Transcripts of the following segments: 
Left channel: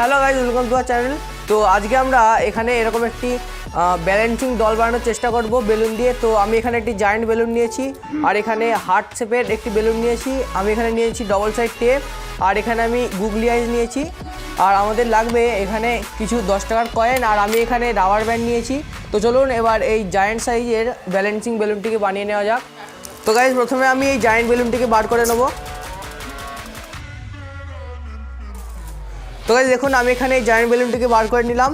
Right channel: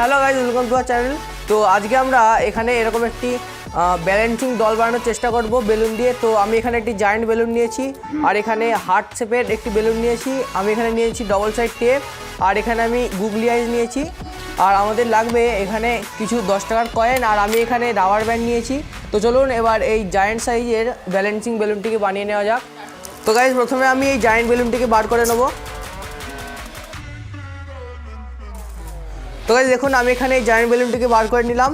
Hello guys, welcome to our channel. তো আজকে আমরা এখানে এরকম একটি ব্যালেন্সিং দল বানানোর চেষ্টা করব বেলুন দিয়ে। তো আমি এখানে একটি জায়ান্ট বেলুন নিয়েছি, আর এখানে হার্ট শেপের একটি বেলুন নিয়েছি। আমি এখানে নিয়েছি ডবল সাইড টেপ, আর এখানে আমি গুগলি আইজ নিয়েছি। আর আমাদের লাগবে এখানে কিছু 10 টাকার কয়েন, আর আমি এখানে রাবার ব্যান্ড নিয়েছি। তো চলুন এবার এই জায়ান্ট সাইজের ব্যালেন্সিং বেলুনটিকে বানিয়ে নেওয়া যাক। তো গাইজ প্রথমে আমি এই জায়ান্ট বেলুনটিকে বার করে নেব। তো গাইজ দেখুন আমি এখানে এই জায়ান্ট বেলুনটিকে বার করে নিলাম।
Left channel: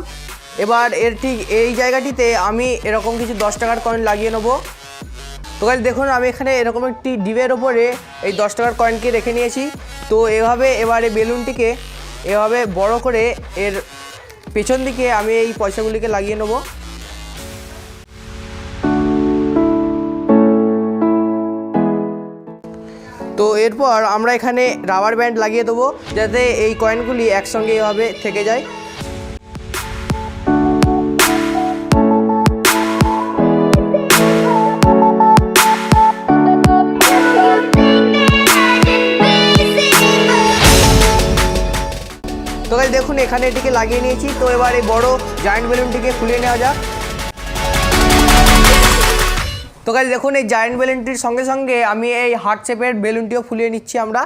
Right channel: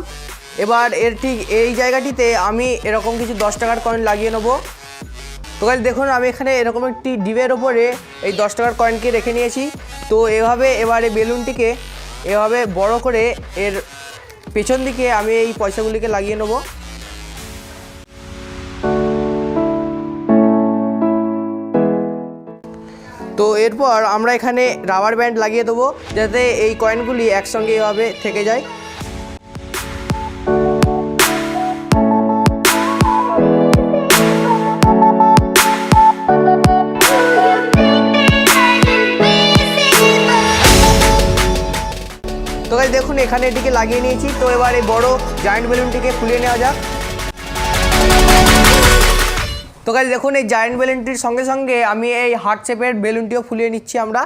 এবার এর ঠিক এই জায়গাটিতে আমি এরকম কিছু 10 টাকার কয়েন লাগিয়ে নেব। তো গাইজ দেখুন আমি এখানে এরকম একটি ডিবের ওপরে এই 10 টাকার কয়েনকে রেখে নিয়েছি। তো এভাবে এবার এই বেলুনটিকে এভাবে বড় করে এর পেছন দিকে আমি এই পয়সাগুলিকে লাগিয়ে নেব। তো এরপর আমরা এখানে রাবার ব্যান্ড লাগিয়ে দেবো, যাতে এই কয়েনগুলি একসঙ্গে এভাবে থেকে যায়। তো গাইস দেখুন এখানে এটিকে লাগিয়ে নিয়েছি। তো এবার এই বড় জায়ান্ট বেলুনটিকে ফুলিয়ে নেওয়া যাক। তো গাইস দেখুন এই জায়ান্ট বেলুনটির সঙ্গে সঙ্গে আমি এই হার্ট শেপের বেলুনটিও ফুলিয়ে নিচ্ছি আমরা।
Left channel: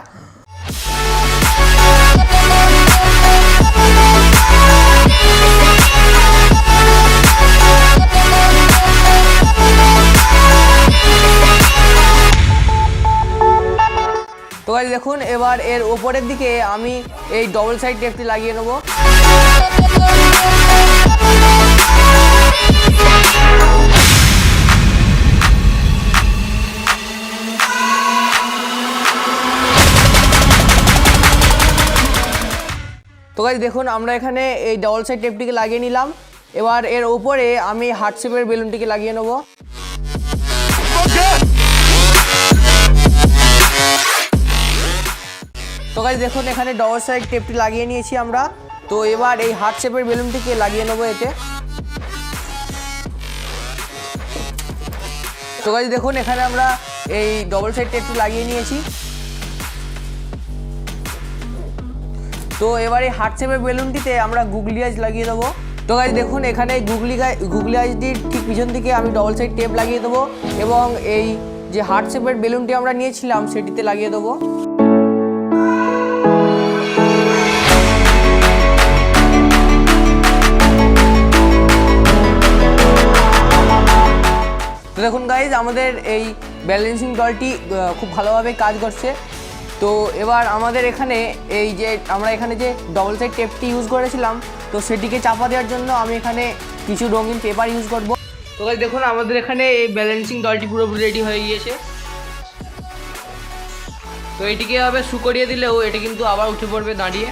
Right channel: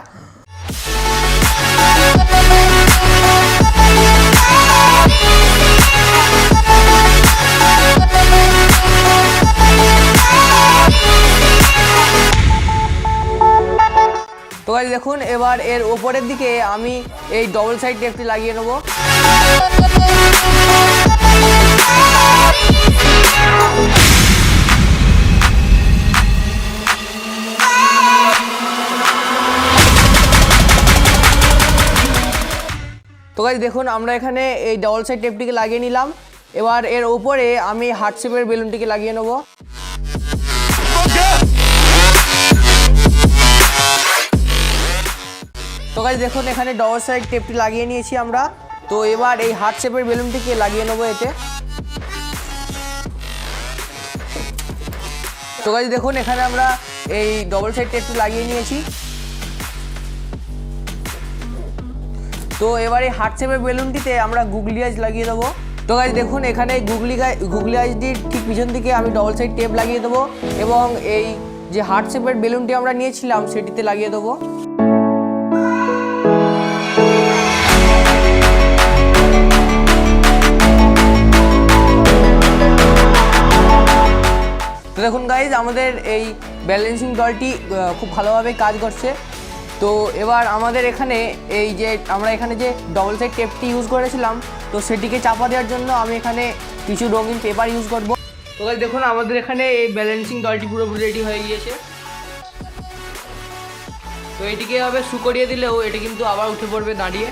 তো গাইস দেখুন এবার এর ওপরের দিকে আমি এই ডবল সাইড টেপটি লাগিয়ে নেব। তো গাইস দেখুন আমরা এখানে এই ডবল সাইড টেপটিকে লাগিয়ে নিলাম। এবার এর ওপরে আমি হার্ট শেপের বেলুনটিকে লাগিয়ে নেব। তো গাইস দেখুন এখানে ডবল সাইড টেপটি লাগিয়ে নিয়েছি আমরা। তো এবার এই হার্ট শেপের বেলুনটিকে লাগিয়ে নেব এতে। তো গাইস দেখুন এখানে আমরা এই ডবল সাইড টেপটি লাগিয়ে নিয়েছি। তো এবার এই হার্ট শেপের বেলুনটিতে আমরা গুগলি আইজ লাগিয়ে দেবো। তো গাইস দেখুন এখানে গুগলি আইজটির ঠিক পিছন দিকে আমি ডবল সাইড টেপ লাগিয়ে দেবো, এবং এই যে হার্ট শেপের বেলুনটি আমরা নিয়েছিলাম সেটিতে লাগিয়ে দেবো। তো দেখুন গাইজ আমাদের এই ব্যালেন্সিং দলটি খুব ভালোভাবে কাজ করছে। তো এবার আমাদের এখানে এই যে আমরা এখানে যে ডবল সাইড টেপটি ইউজ করেছিলাম, তো সেটিকে চাপা দেওয়ার জন্য আমি এখানে কিছু রঙিন পেপার ইউজ করব। তো গাইজ দেখুন আমাদের এখানে এই ব্যালেন্সিং দলটি পুরোপুরি রেডি হয়ে গিয়েছে। তো এটিকে এভাবে শু করিয়ে দিলেও এটি কিন্তু আবার উঠে পড়বে দাঁড়িয়ে।